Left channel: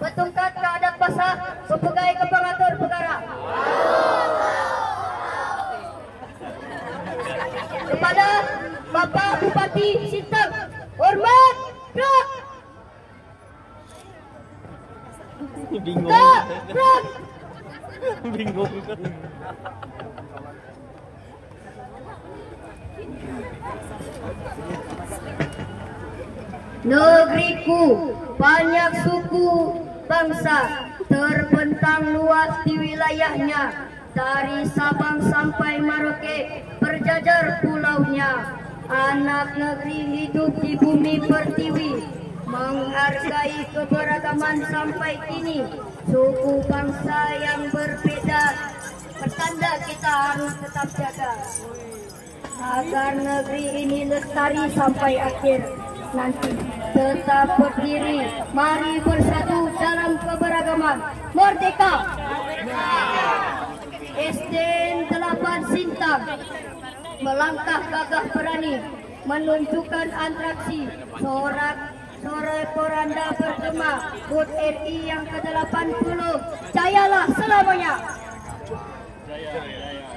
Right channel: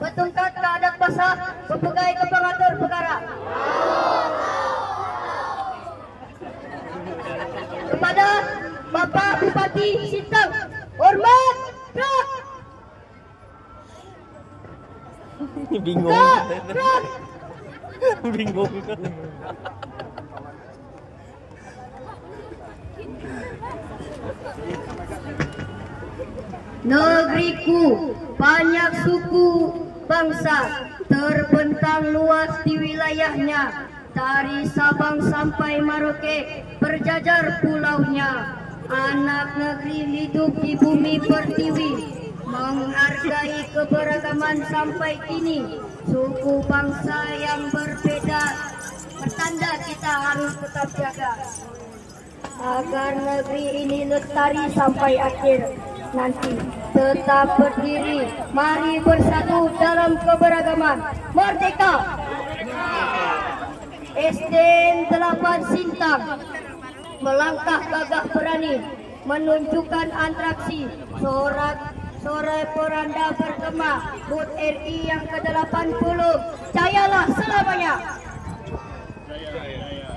Betungkat ke adat basah sebagai kepengatur perkara. Kepada Bapak Bupati Sintang, hormat, gerak. Bingung. Gerak. Bingung. Negeriku banyak suku bangsa terbentang luas di wilayahnya, dari Sabang sampai Merauke berjajar pulaunya. Anak negeri hidup di bumi pertiwi, menghargai keberagaman sampai kini. Suku bangsa yang berbeda pertanda kita harus tetap jaga agar negeri ini lestari sampai akhir nanti. Tetap berdiri, mari bersatu dalam keberagaman. Merdeka! SDN 8 Sintang melangkah gagah berani, menunjukkan atraksi sore poranda bergema HUT RI yang ke-80. Jayalah selamanya. Jaya.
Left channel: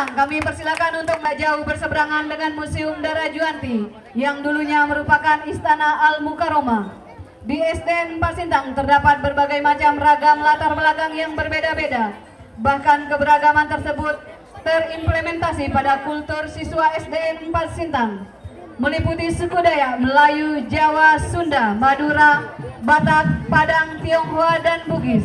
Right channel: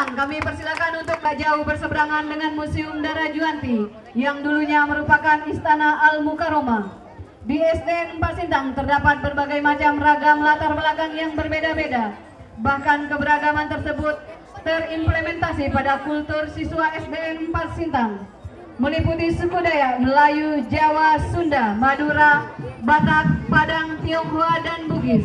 Kami persilakan untuk tak jauh berseberangan dengan Museum Dara Juanti yang dulunya merupakan Istana Al-Mukarramah. Di SDN 4 Sintang terdapat berbagai macam ragam latar belakang yang berbeda-beda. Bahkan keberagaman tersebut terimplementasi pada kultur siswa SDN 4 Sintang, meliputi suku Dayak, Melayu, Jawa, Sunda, Madura, Batak, Padang, Tionghoa, dan Bugis.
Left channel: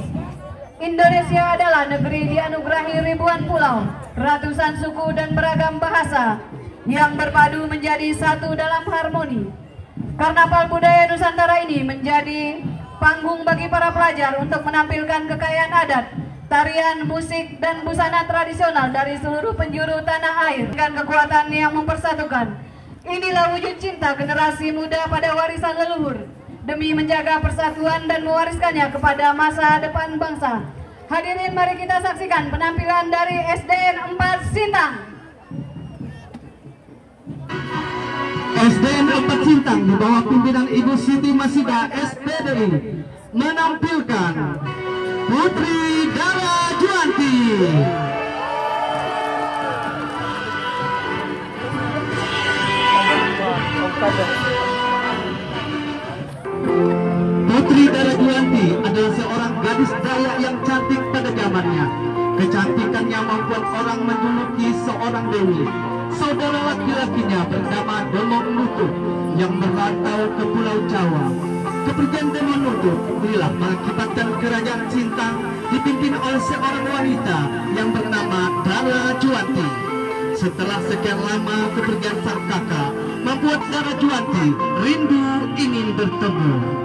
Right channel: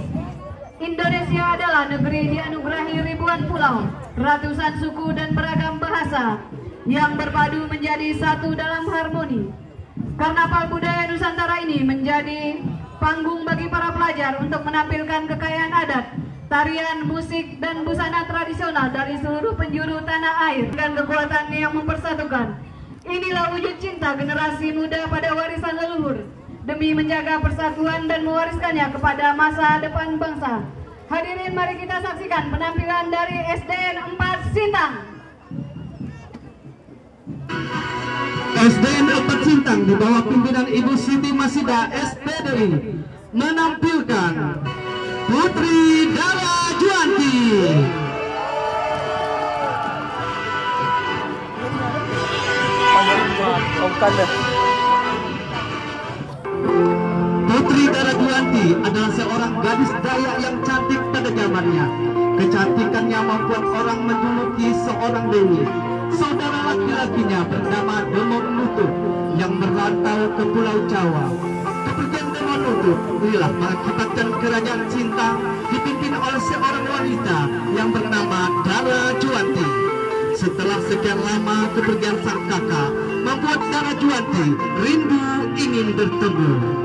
Indonesia adalah negeri dianugerahi ribuan pulau, ratusan suku dan beragam bahasa yang berpadu menjadi satu dalam harmoni. Karnaval budaya Nusantara ini menjadi panggung bagi para pelajar untuk menampilkan kekayaan adat, tarian, musik, dan busana tradisional dari seluruh penjuru tanah air dengan kekuatan yang mempersatukan. Inilah wujud cinta generasi muda pada warisan leluhur, demi menjaga persatuan dan mewariskannya kepada masa depan bangsa. Hadirin, mari kita saksikan penampilan dari SDN 4 Sintang. SDN 4 Sintang di bawah pimpinan Ibu Siti Masida SPDI menampilkan Putri Dara Juanti. Putri Dara Juanti adalah seorang gadis Dayak yang cantik pada zamannya. Kecantikannya membuat orang menjuluki seorang dewi. Saudara laki-lakinya bernama Demong Nutuh yang merantau ke Pulau Jawa. Kepergian Demong Nutuh inilah mengakibatkan kerajaan Sintang dipimpin oleh seorang wanita yang bernama Dara Juanti. Setelah sekian lama kepergian sang kakak, membuat Dara Juanti rindu ingin bertemu.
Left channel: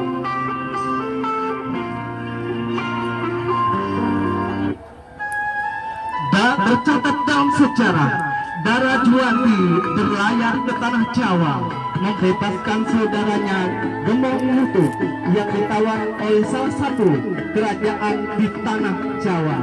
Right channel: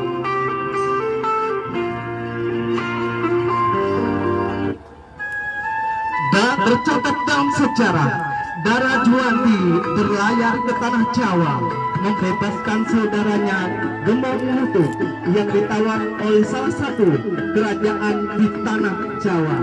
Tercatat dalam sejarah, Dara Juanti berlayar ke tanah Jawa, membebaskan saudaranya Demong Nutuh yang ditawar oleh salah satu kerajaan di tanah Jawa.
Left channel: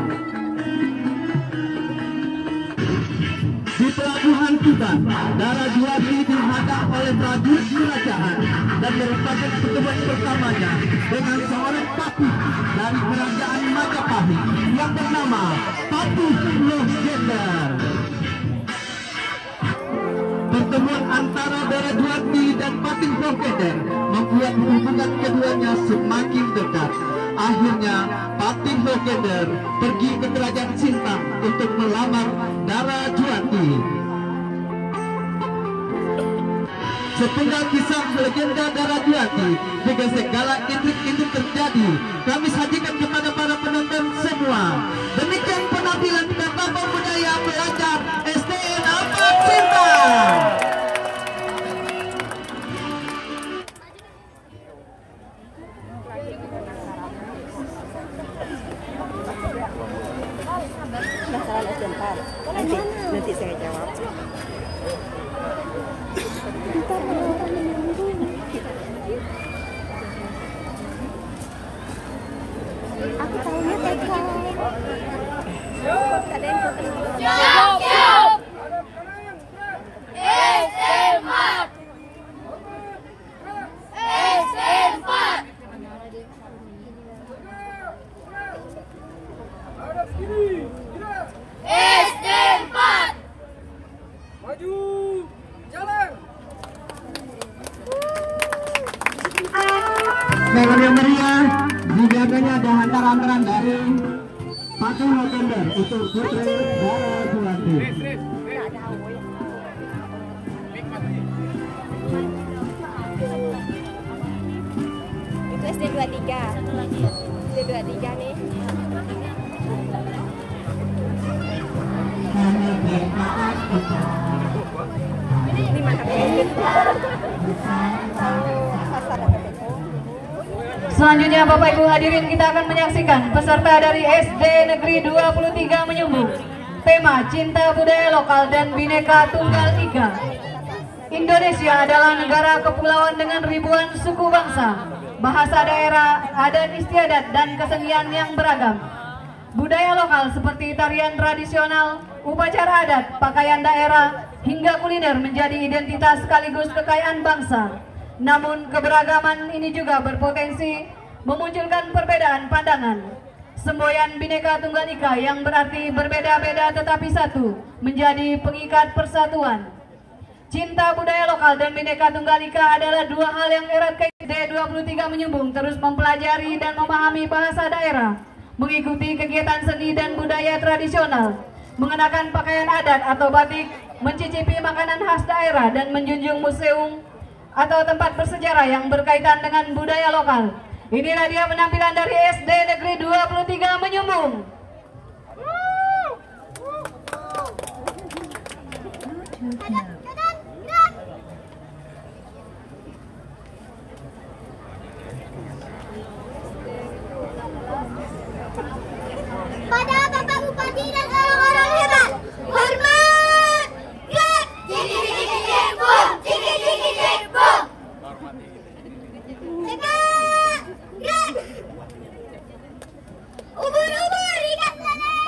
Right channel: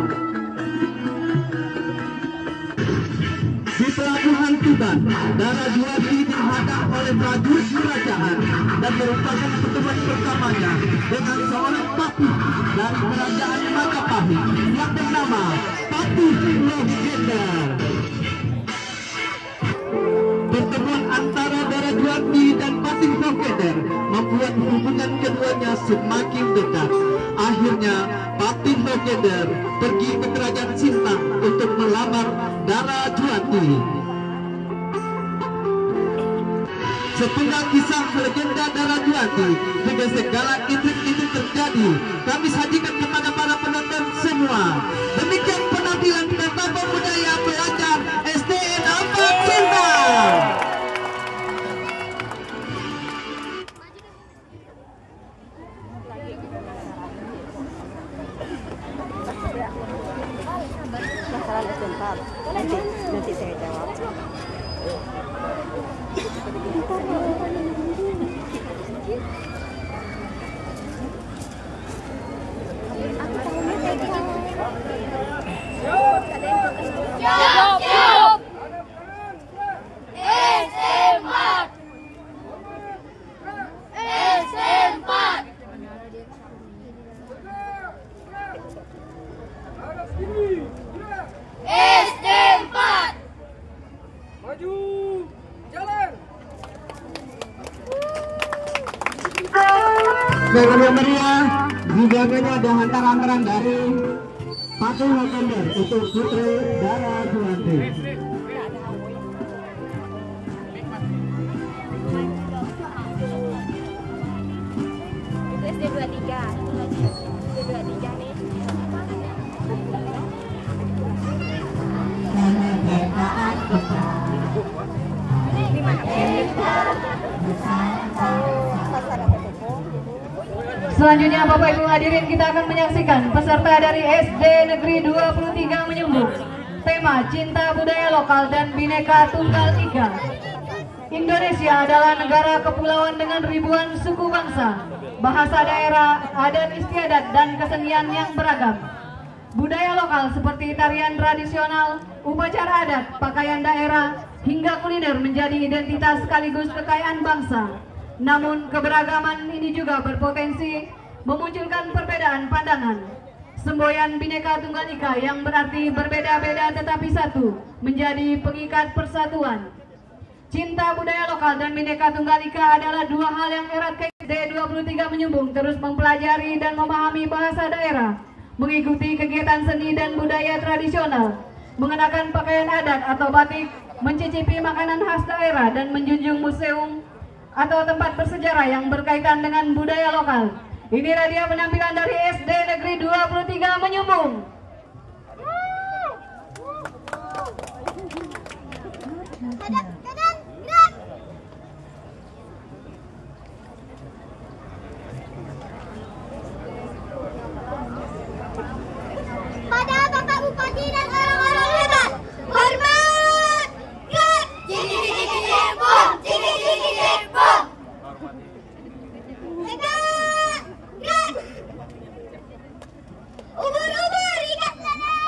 Di pelabuhan Tuban, Dara Juanti dihadap oleh prajurit kerajaan dan merupakan pertemuan pertamanya dengan seorang papih dari kerajaan Majapahit yang bernama Papih Legender. Pertemuan antara Dara Juanti dan Papih Legender legender membuat hubungan keduanya semakin dekat. Akhirnya batin legender pergi ke kerajaan Sintang untuk melamar Dara Juanti. Sepenggal kisah legenda Dara Juanti dengan segala intrik-intrik terjadi, kami sajikan kepada para penonton semua. Demikian penampilan Bapak Budaya Pelajar SDN 4 Sintang. Masalah SDN 4 nanti saya jawab. Aku tahunya TK. Siap. S4. S4. SD4. Maju, jalan. Segala yang meriah juga ada hantaran dari patung legender itu Putri Dara Juanti. Itu SD23. SD23 nih. Ini mana? Selanjutnya Bapak Ibu hadirin, kita akan menyaksikan peserta dari SD Negeri 23 Menyumbung. Tema Cinta Budaya Lokal dan Bhinneka Tunggal Ika. Indonesia adalah negara kepulauan dengan ribuan suku bangsa, bahasa daerah, adat istiadat dan kesenian yang beragam. Budaya lokal seperti tarian tradisional, upacara adat, pakaian daerah, hingga kuliner menjadi identitas sekaligus kekayaan bangsa. Namun keberagaman ini juga berpotensi memunculkan perbedaan pandangan. Semboyan Bhinneka Tunggal Ika yang berarti berbeda-beda tetapi satu, menjadi pengikat persatuan. Cinta budaya lokal dan Bhinneka Tunggal Ika adalah dua hal yang erat kaitan. 23 Menyumbung terus mempelajari dan memahami bahasa daerah, mengikuti kegiatan seni dan budaya tradisional, mengenakan pakaian adat atau batik, mencicipi makanan khas daerah, dan menjunjung museum atau tempat bersejarah yang berkaitan dengan budaya lokal. Inilah dia penampilan dari SD Negeri 23 Menyumbung. Pada Bapak Bupati dan orang-orang hebat, hormat! Gerak! Jeng-jeng-jeng-jeng-bom! Jeng-jeng-jeng-jeng-bom! Tegak! Gerak! Ubur-ubur ikat lele!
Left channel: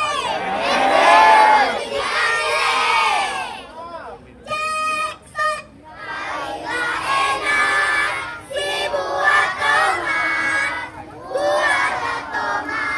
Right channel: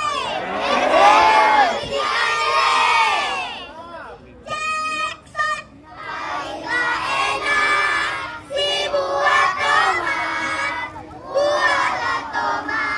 Cepat! Baiklah enak si buah tomat, buahlah tomat.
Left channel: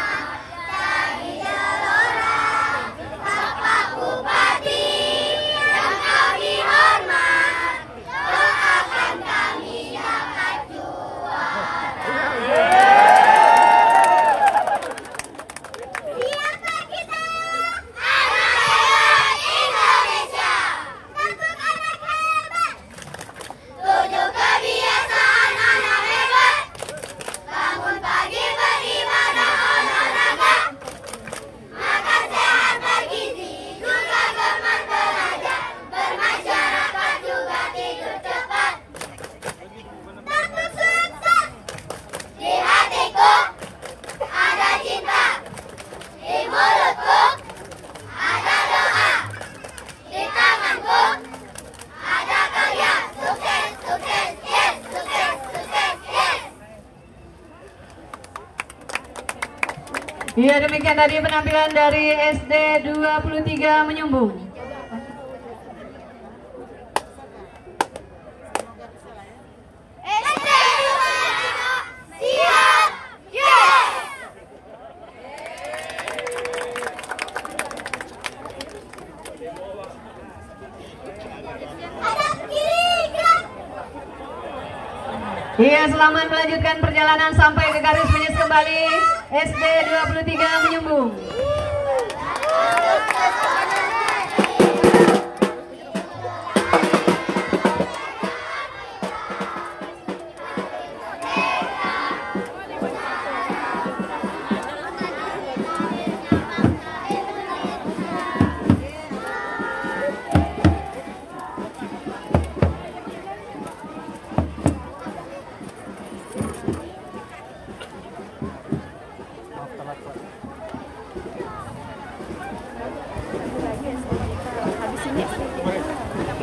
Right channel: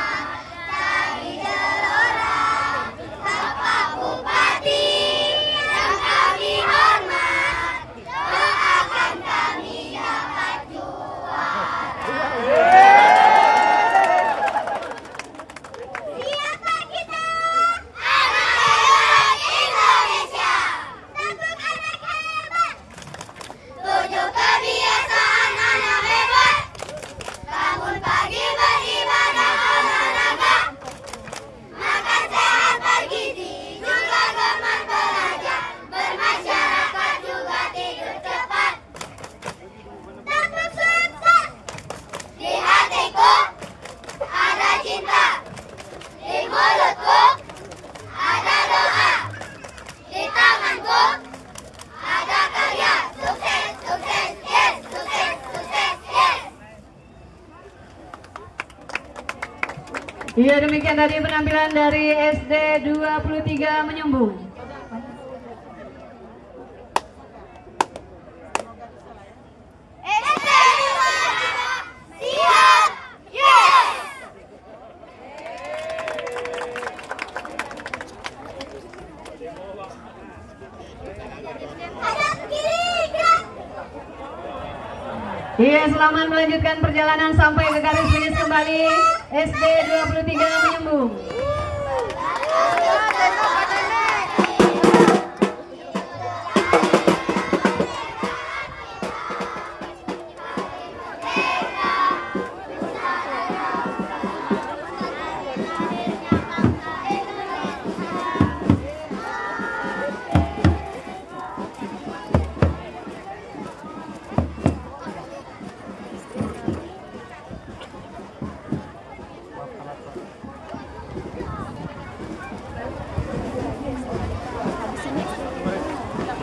Ya, demikian tadi penampilan dari SD 23 Menyumbung. Iya, selamat melanjutkan perjalanan sampai ke garis finish kembali. SD 23 menyumbung.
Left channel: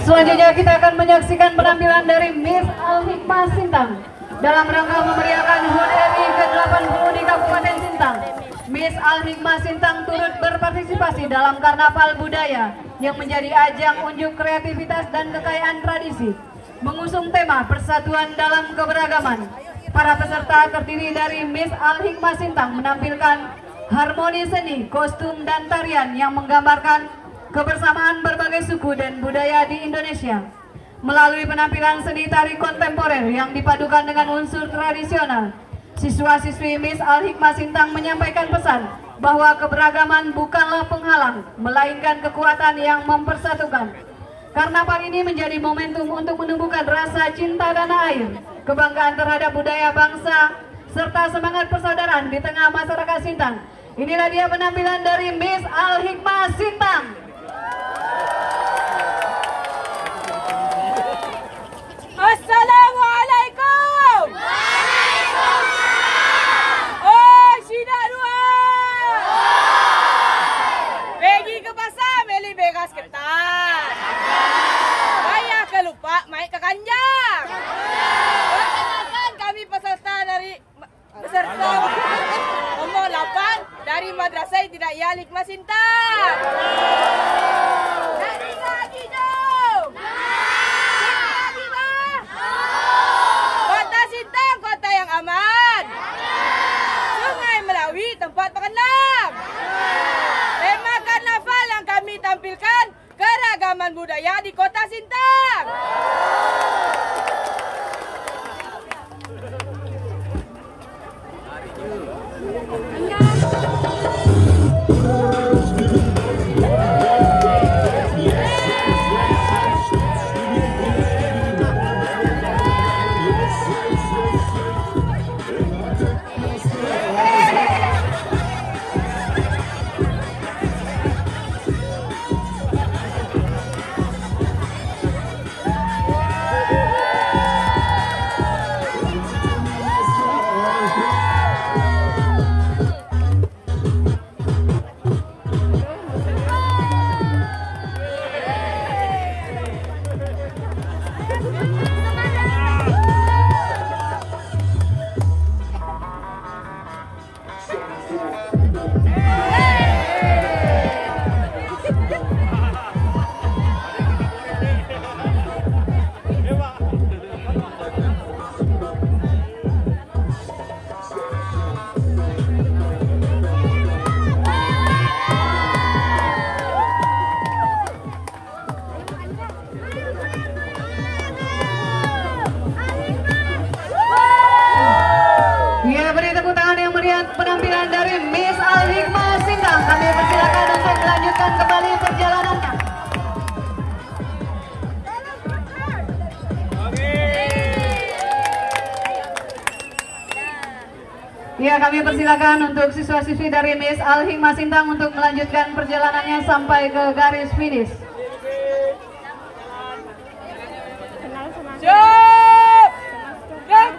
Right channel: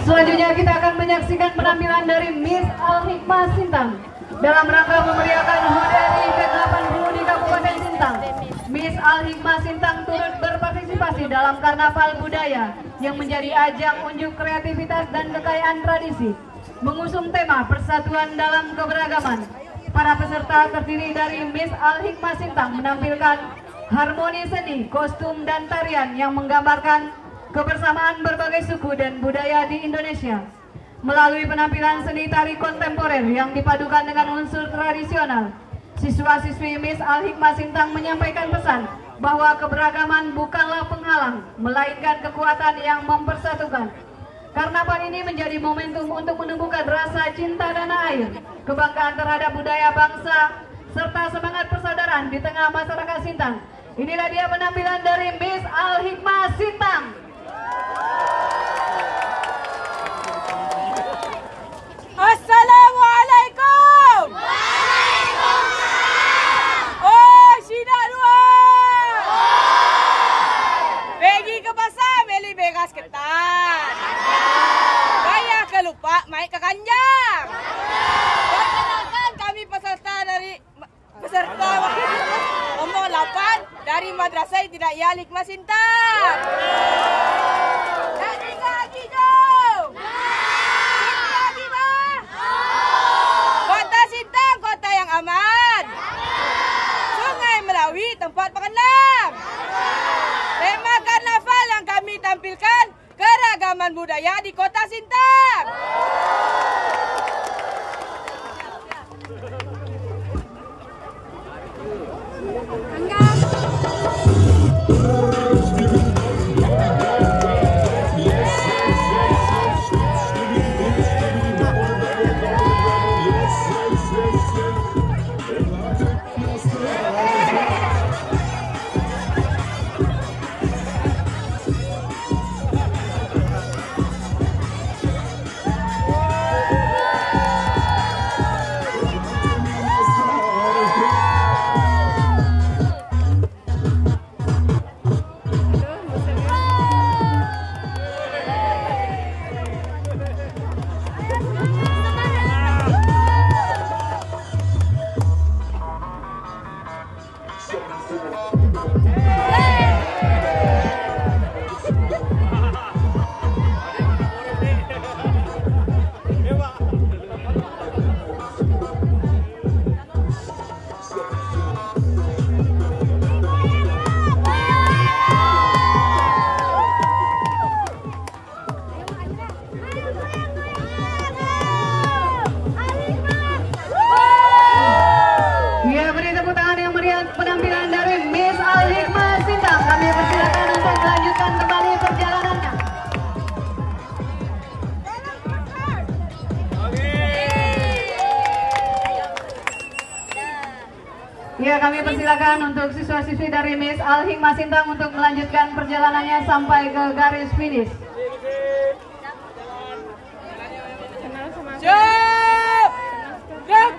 Selanjutnya kita akan menyaksikan penampilan dari Miss Al-Hikmah Sintang dalam rangka memeriahkan HUT RI ke-80 di Kabupaten Sintang. Miss Al-Hikmah Sintang turut berpartisipasi dalam karnaval budaya yang menjadi ajang unjuk kreativitas dan kekayaan tradisi, mengusung tema persatuan dalam keberagaman. Para peserta terdiri dari Miss Al-Hikmah Sintang menampilkan harmoni seni, kostum, dan tarian yang menggambarkan kebersamaan berbagai suku dan budaya di Indonesia. Melalui penampilan seni tari kontemporer yang dipadukan dengan unsur tradisional, siswa-siswi Miss Al-Hikmah Sintang menyampaikan pesan bahwa keberagaman bukanlah penghalang, melainkan kekuatan yang mempersatukan. Karnaval ini menjadi momentum untuk menumbuhkan rasa cinta tanah air, kebanggaan terhadap budaya bangsa, serta semangat persaudaraan di tengah masyarakat Sintang. Inilah dia penampilan dari Miss Al-Hikmah Sintang. Assalamualaikum. Waalaikumsalam. Oh, Sina dua. Pergi ke pasar beli beras ketan. Bayar ke lupa, main ke Kanjang. Perkenalkan kami peserta nomor 8 dari Madrasah Ibtidaiyah Al-Hikmah Sintang. Lagi jom. Kota Sintang, kota yang aman. Sungai Melawi, tempat berendam. Tema karnaval yang kami tampilkan keragaman budaya di kota Sintang. Penampilan dari Miss Al-Hikmah Sintang. Kami persilakan untuk melanjutkan kembali perjalanannya. Ya, kami persilakan untuk siswa-siswi dari Miss Al-Hikmah Sintang untuk melanjutkan perjalanannya sampai ke garis finish. Siap! Siap!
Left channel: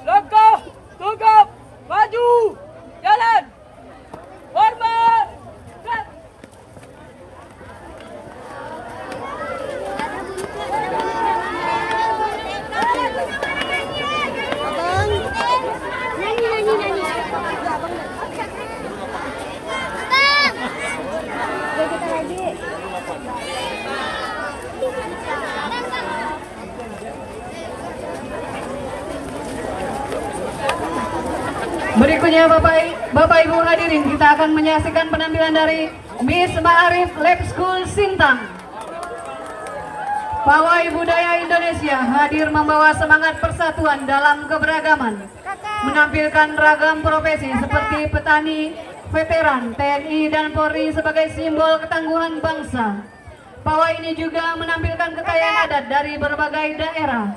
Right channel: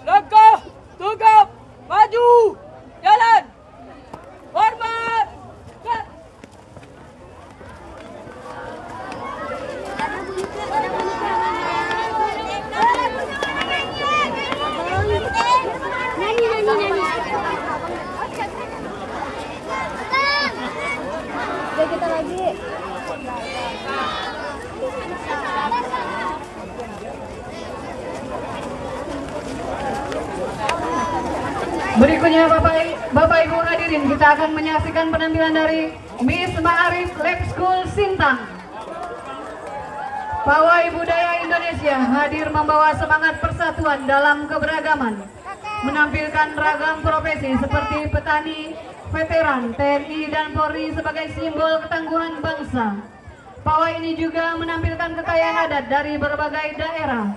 Langkah, tegap, maju, jalan, hormat, cut. Kita lagi. Berikutnya Bapak Ibu hadirin, kita akan menyaksikan penampilan dari Miss Ma'arif Lab School Sintang. Pawai Budaya Indonesia hadir membawa semangat persatuan persatuan dalam keberagaman, menampilkan ragam profesi seperti petani, veteran, TNI, dan Polri sebagai simbol ketangguhan bangsa. Pawai ini juga menampilkan kekayaan adat dari berbagai daerah.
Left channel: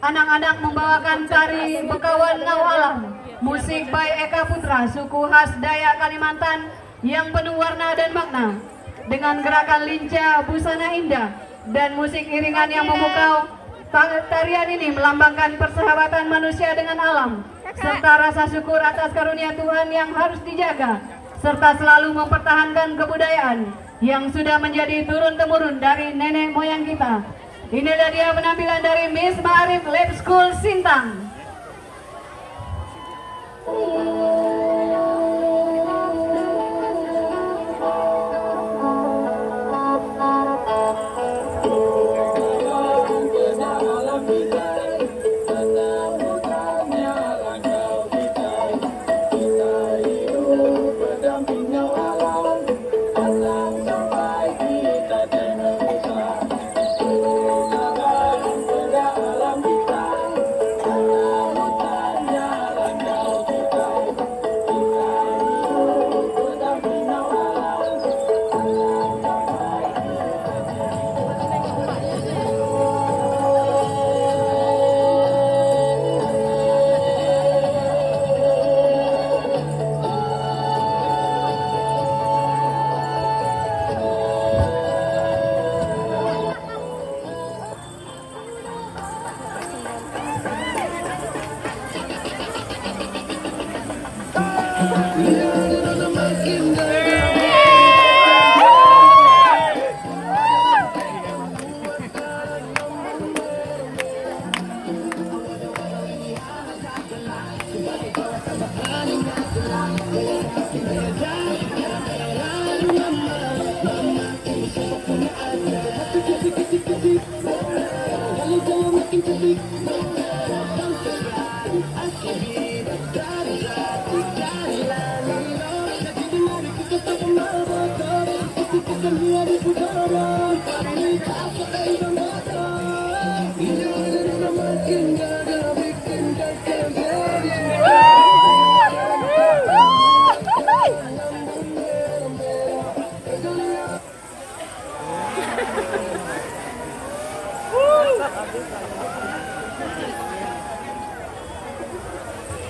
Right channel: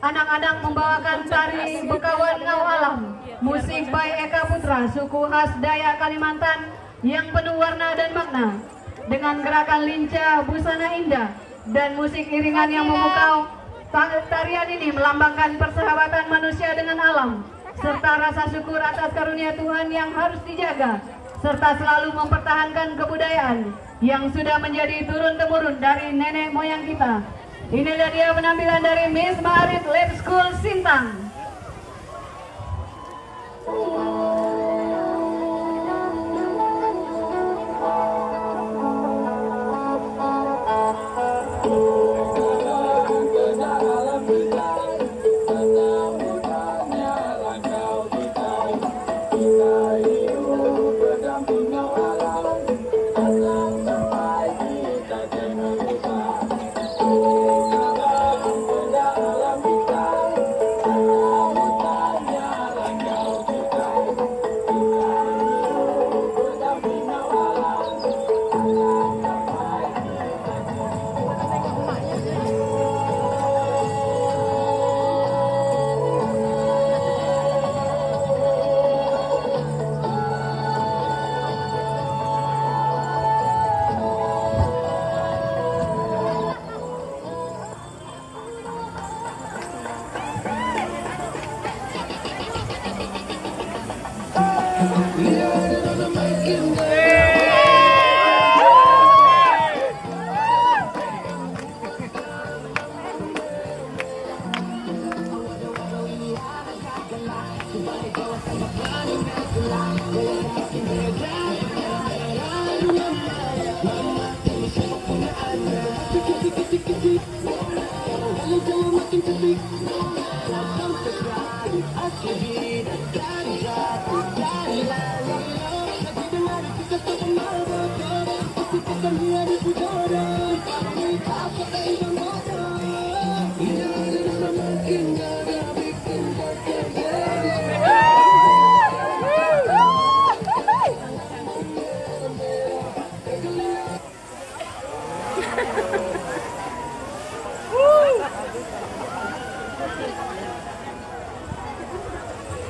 Anak-anak membawakan tari Bekawan Ngau Alam, musik by Eka Putra, suku khas Dayak Kalimantan yang penuh warna dan makna, dengan gerakan lincah, busana indah, dan musik iringan yang memukau. Tarian ini melambangkan persahabatan manusia dengan alam, serta rasa syukur atas karunia Tuhan yang harus dijaga, serta selalu mempertahankan kebudayaan yang sudah menjadi turun-temurun dari nenek moyang kita. Inilah dia penampilan dari Miss Ma'arif Lab School Sintang.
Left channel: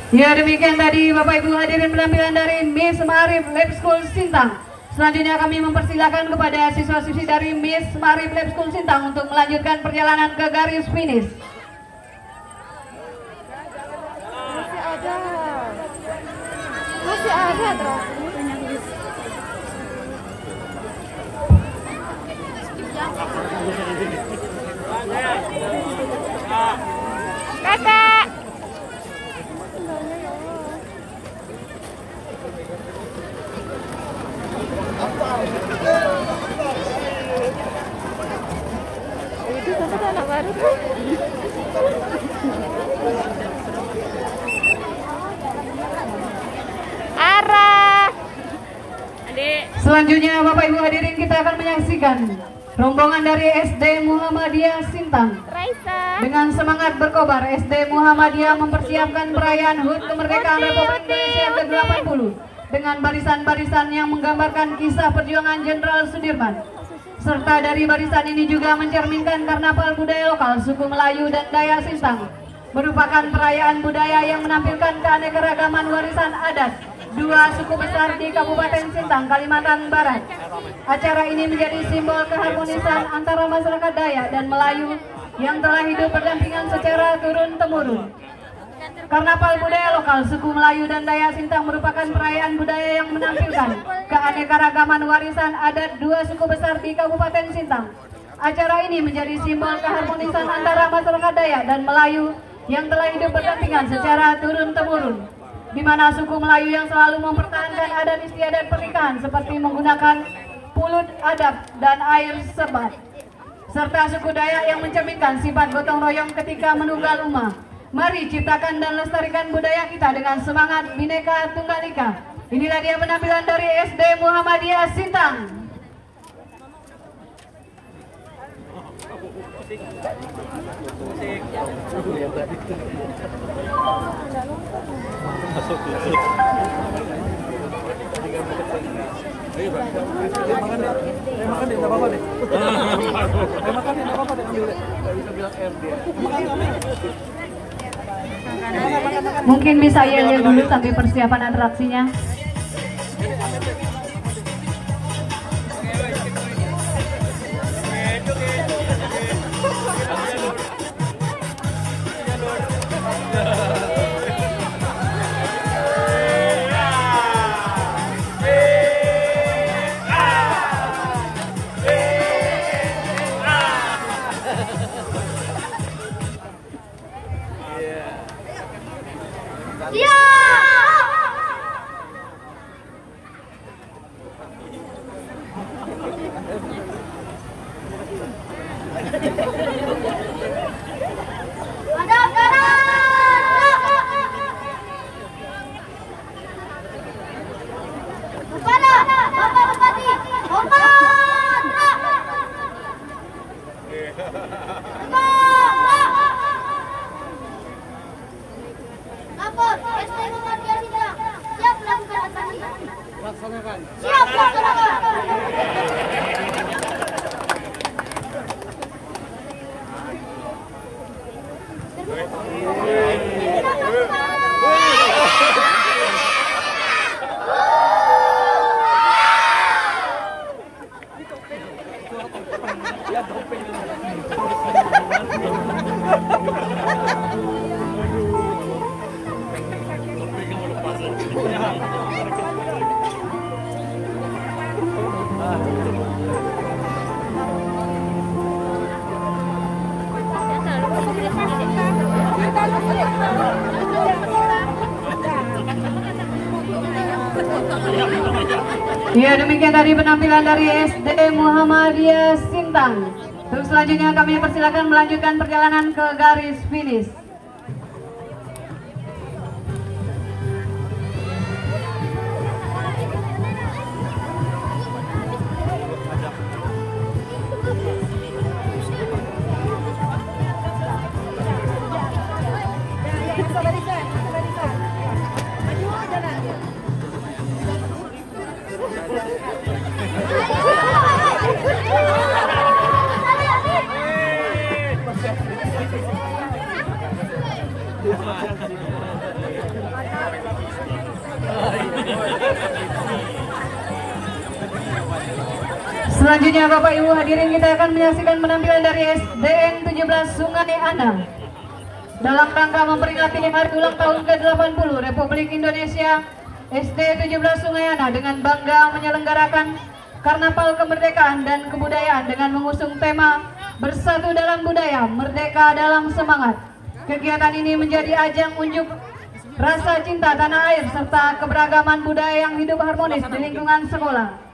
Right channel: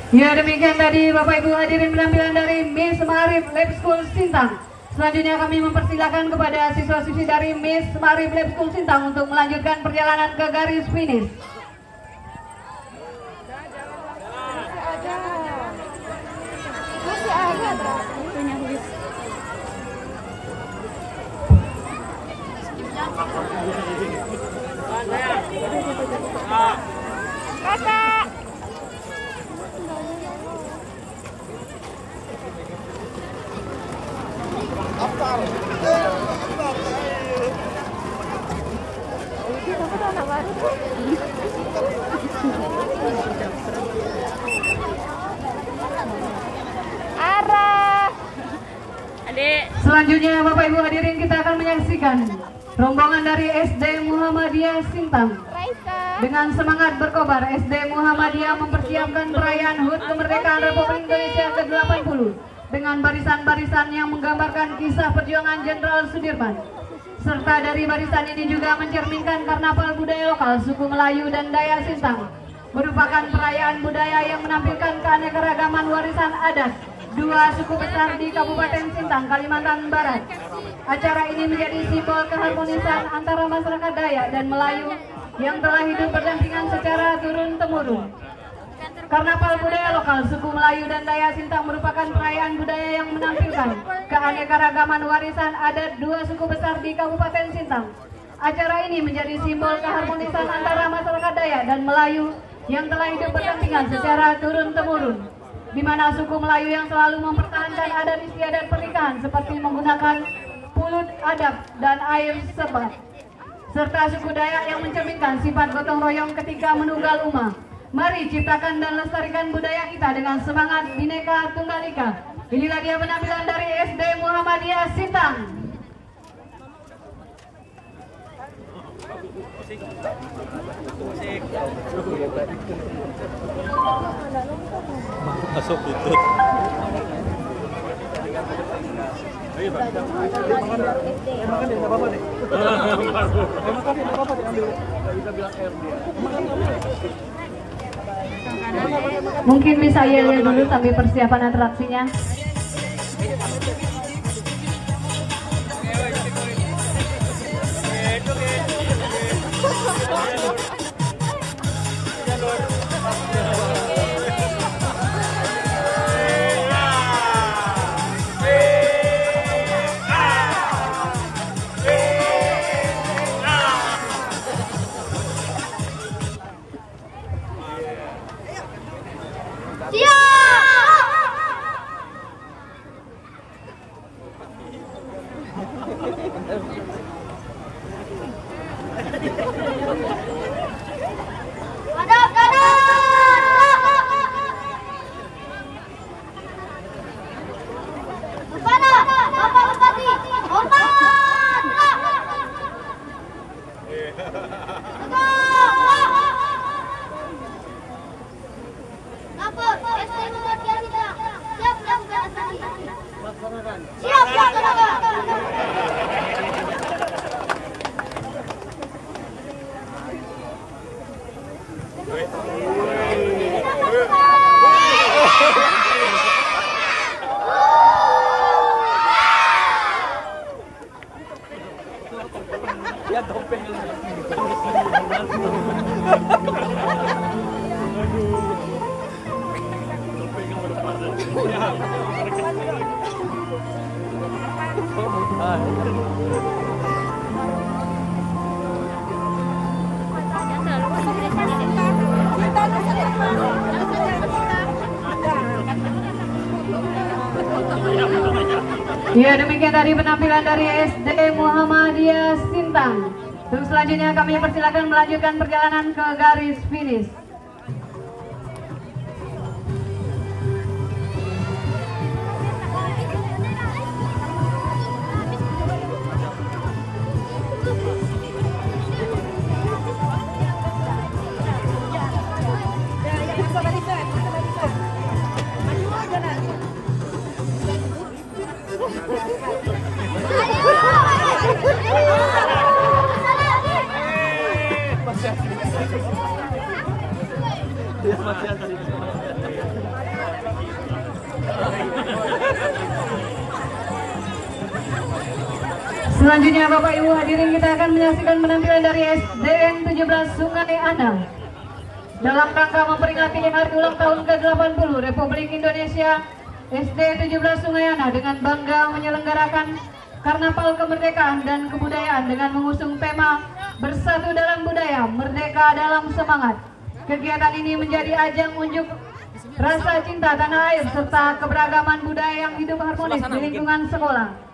Ya, demikian tadi Bapak Ibu hadirin penampilan dari Miss Ma'arif Lab School Sintang. Selanjutnya kami mempersilakan kepada siswa-siswi dari Miss Ma'arif Lab School Sintang untuk melanjutkan perjalanan ke garis finish. Masih ada. Kakak. Arah. Adik. Selanjutnya Bapak Ibu hadirin kita akan menyaksikan rombongan dari SD Muhammadiyah Sintang. Dengan semangat berkobar, SD Muhammadiyah mempersiapkan perayaan HUT kemerdekaan Republik Indonesia ke-80 dengan barisan-barisan yang menggambarkan kisah perjuangan Jenderal Sudirman. Serta dari barisan ini juga mencerminkan karnaval budaya lokal suku Melayu dan Dayak Sintang, merupakan perayaan budaya yang menampilkan keanekaragaman warisan adat dua suku besar di Kabupaten Sintang, Kalimantan Barat. Acara ini menjadi simbol keharmonisan antara masyarakat Dayak dan Melayu yang telah hidup berdampingan secara turun-temurun. Karnaval budaya lokal suku Melayu dan Dayak Sintang merupakan perayaan budaya yang menampilkan keanekaragaman warisan adat dua suku besar di Kabupaten Sintang. Acara ini menjadi simbol keharmonisan antara masyarakat Dayak dan Melayu yang telah hidup berdampingan secara turun-temurun, di mana suku Melayu yang selalu mempertahankan adat istiadat pernikahan seperti menggunakan pulut adab dan air sebat, serta suku Dayak yang mencerminkan sifat gotong royong ketika menunggal umat. Mari ciptakan dan lestarikan budaya kita dengan semangat Bhinneka Tunggal Ika. Inilah dia penampilan dari SD Muhammadiyah Sintang. Musik. Masuk tutup. Mungkin bisa yel dulu sambil persiapan atraksinya. Lapor, SD Muhammadiyah Sidang. Siap melakukan atraksi. Laksanakan. Siap laksanakan. Ya, demikian tadi penampilan dari SD Muhammadiyah Sintang. Terus selanjutnya kami persilakan melanjutkan perjalanan ke garis finish. Selanjutnya Bapak Ibu hadirin, kita akan menyaksikan penampilan dari SDN 17 Sungai Ana dalam rangka memperingati hari ulang tahun ke-80 Republik Indonesia. SD 17 Sungai Ana dengan bangga menyelenggarakan Karnaval Kemerdekaan dan Kebudayaan dengan mengusung tema Bersatu dalam Budaya, Merdeka dalam Semangat. Kegiatan ini menjadi ajang unjuk rasa cinta tanah air serta keberagaman budaya yang hidup harmonis di lingkungan sekolah.